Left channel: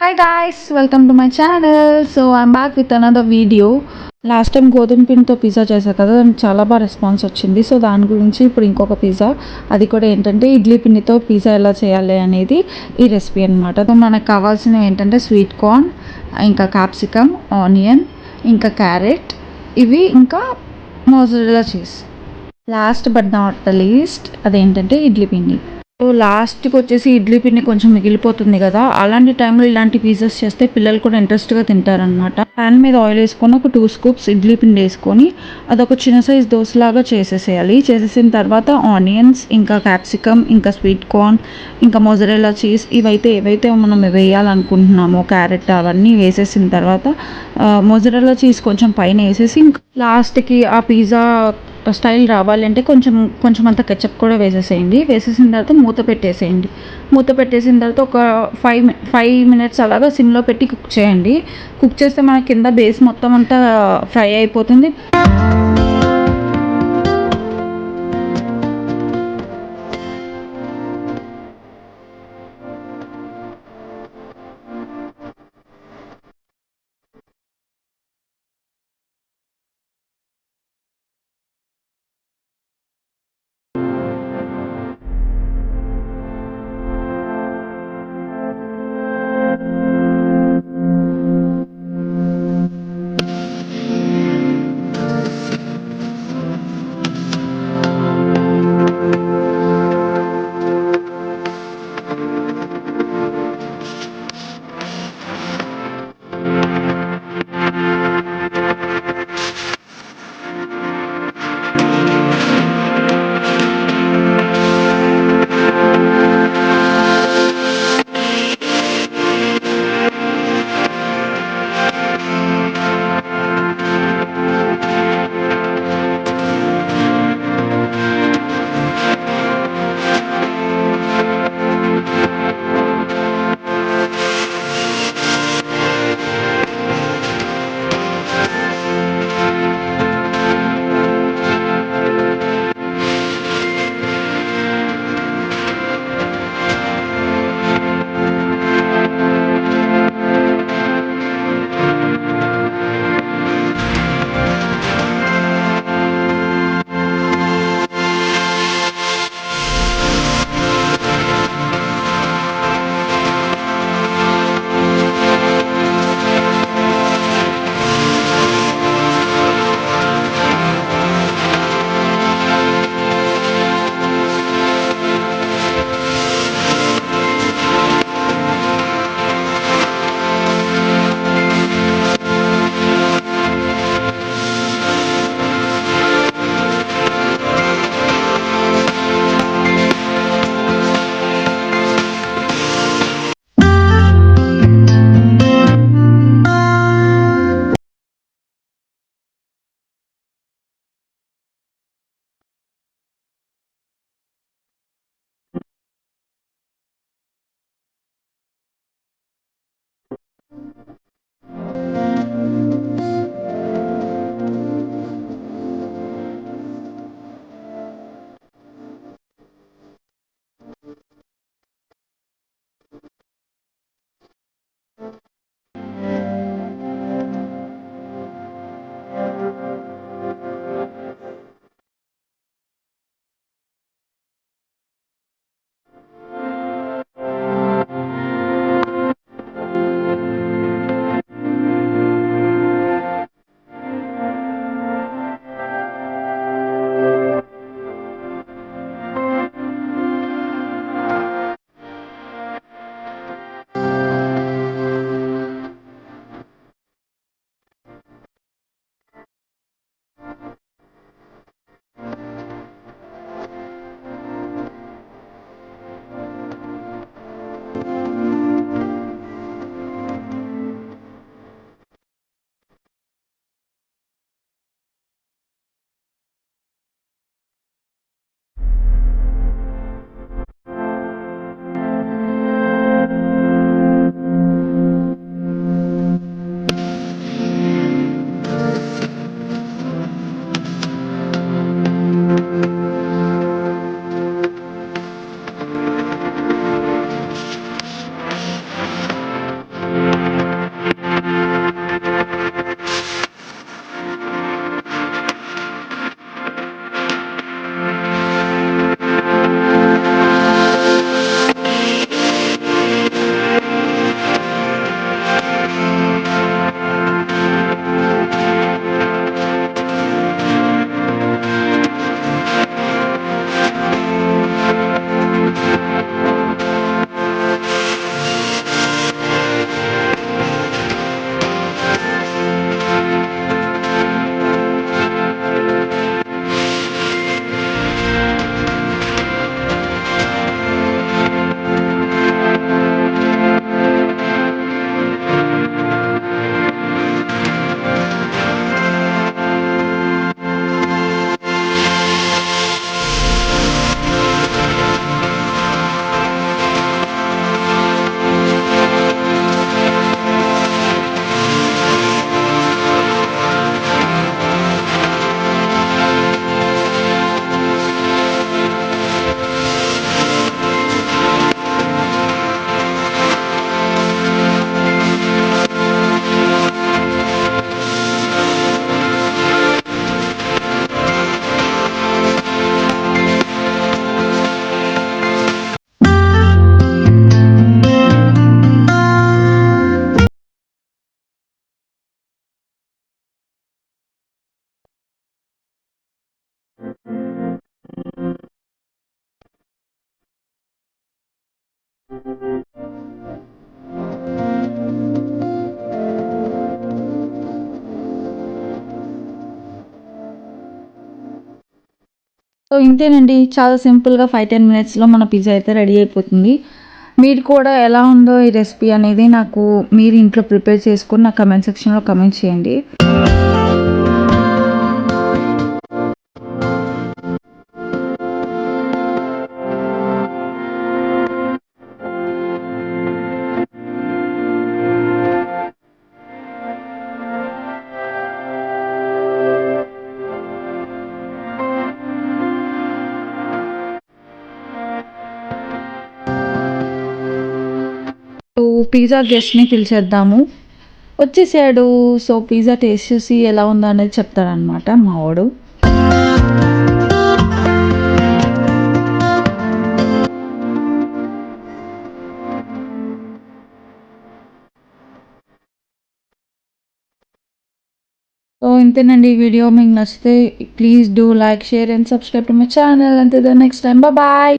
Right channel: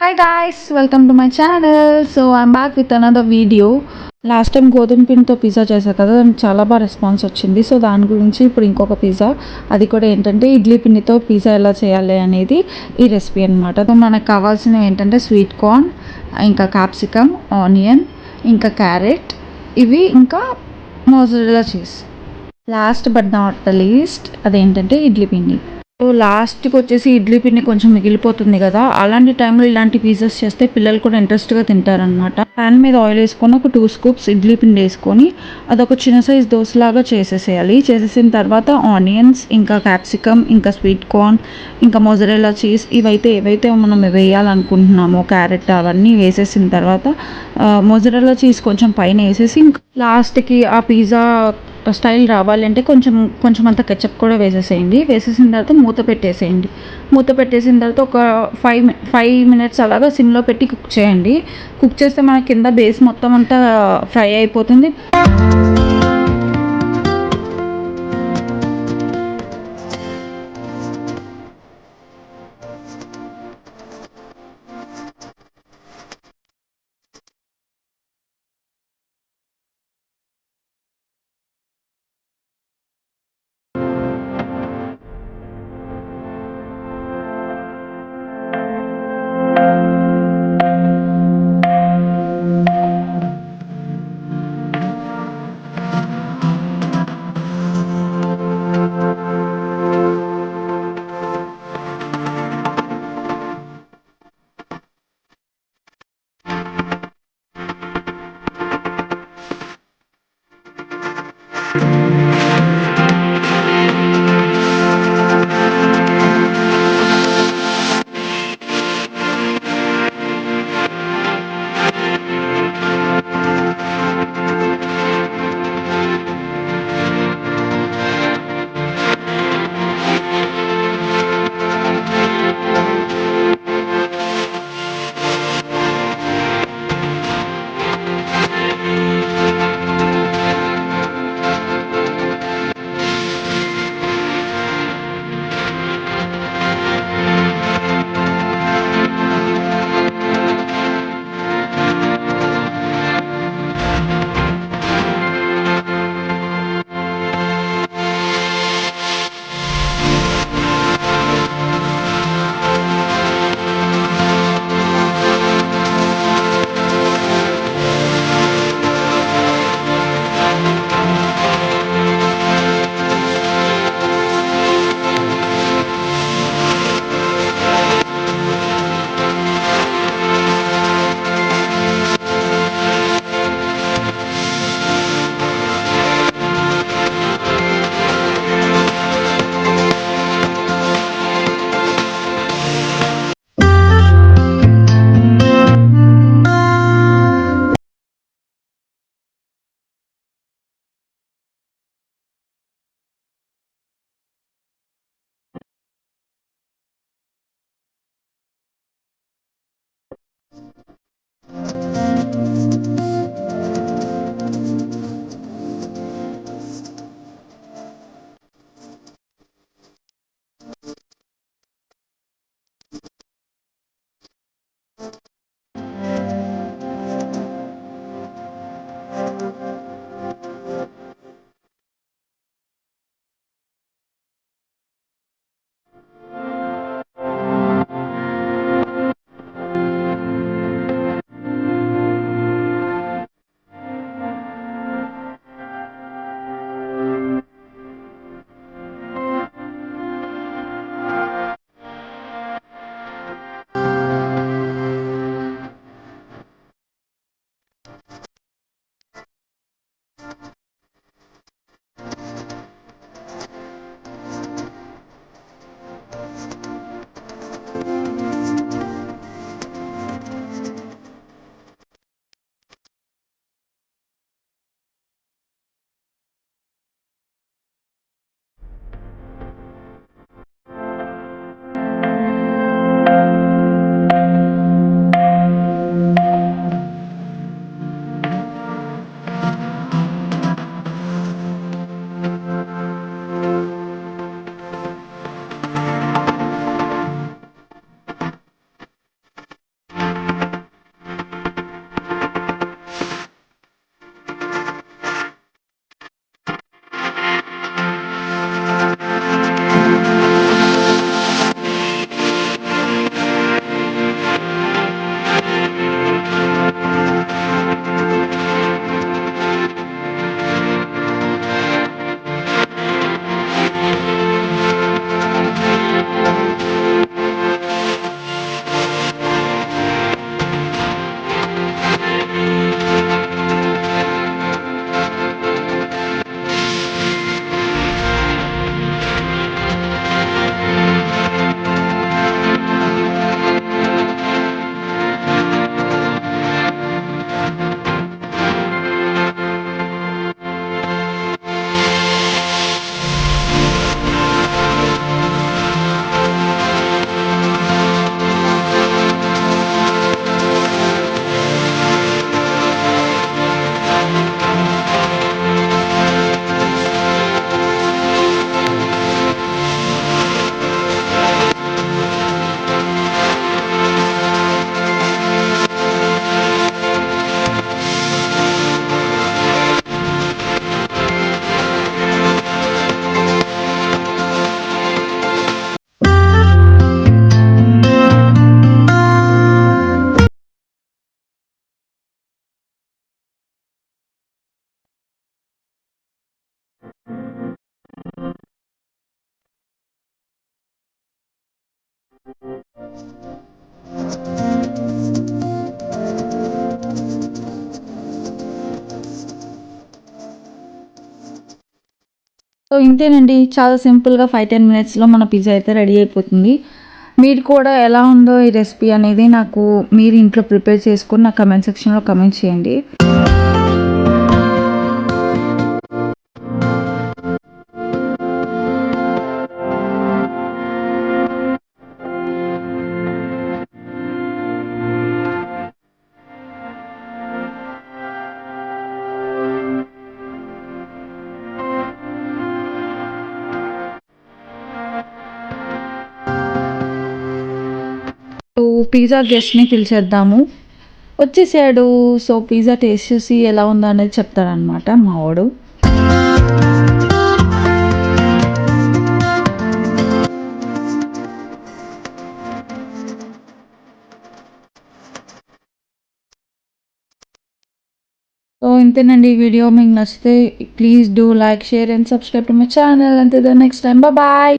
Hi guys, welcome to my channel. So I'm back with another video. Last time గోధుమ పిండితో పిజ్జా చేశాను కదా, దానికి చాలా బాగా రెస్పాన్స్ వచ్చింది. సో దాని గురించి ఇప్పుడు ఇంకొక పిజ్జా, అది కూడా ఏంటంటే ఇడ్లీ పిండితో పిజ్జా ఎలా చేయాలి అనేది ఈ రెసిపీ అనమాట. సో మనకు కావాల్సినవి ఏంటంటే స్వీట్ కార్న్, ఇంకా క్యాప్సికమ్, ఆనియన్, ఇంకా క్యారెట్, ఇవి ఇంకా mozzarella cheese. Last but not the least అదేంటంటే ఇడ్లీ పిండి. సో లాస్ట్‌కి వచ్చేసి ఇడ్లీ పిండి కొంచెం మిగిలిపోతుంది గదా! అలాంటి టైంలో ఇలాంటి పిజ్జాస్ చేస్తే పిల్లలు కూడా ఇంట్రెస్ట్‌గా తింటారనమాట. పాన్ మీద ఆయిల్ ఏసుకొని ఒక 2 స్కూప్స్ ఇడ్లీ పిండి ఏసుకొని అదొక చిన్న సైజ్ దోసలాగా చేసేసేయాలి. చేసేసిన తర్వాత ఆనియన్స్, ఇంకా క్యాప్సికమ్, ఇంకా స్వీట్ కార్న్, ఇంకా మొజరెల్లా చీజ్ ఇవైతే ఏవైతే మనం వేయాలనుకుంటున్నామో క్యారెట్ అవన్నీ వేసేసిన తర్వాత మొజరెల్లా చీజ్ కొంచెం పైన ఏసేసి లాస్ట్‌కి ఆ పిజ్జా స్టైల్ రావాలంటే కొంచెం కొంచెం అంత కెచప్ కూడా వేసేసేయండి. వేసేసిన తర్వాత మూత పెట్టేసేయండి. మూత పెట్టేసిన తర్వాత ఒక 5 మినిట్స్ అలాగా సిమ్‌లో పెట్టి కుక్ చేయండి. కుక్ చేస్తే మన కింద బేస్ మొత్తం అంతా ఫ్రై అయిపోతుంది. సో ఇంతేనండి, చాలా సింపుల్గా 5-10 మినిట్స్లో మన పిజ్జా అయితే రెడీ అయిపోతుంది. మీరు కూడా ఎలా ఉందో ఈ రెసిపీ అనేది నాకు మీరు ఇంట్లో ప్రిపేర్ చేసుకొని నా కమెంట్ సెక్షన్లో కమెంట్ చేయండి. సో పిజ్జా గెస్ట్ని పిలిచేద్దాము, వచ్చేసాడు. సో పిజ్జా టేస్ట్ చూసి ఎలా ఉందో అనేది చెప్తారనమాట మా వాడు. సో ఇంతేనండి, ఈ వీడియో మీకు నచ్చితే please do like, share and subscribe to my channel. అంతే నెక్స్ట్ టైం, బాయ్.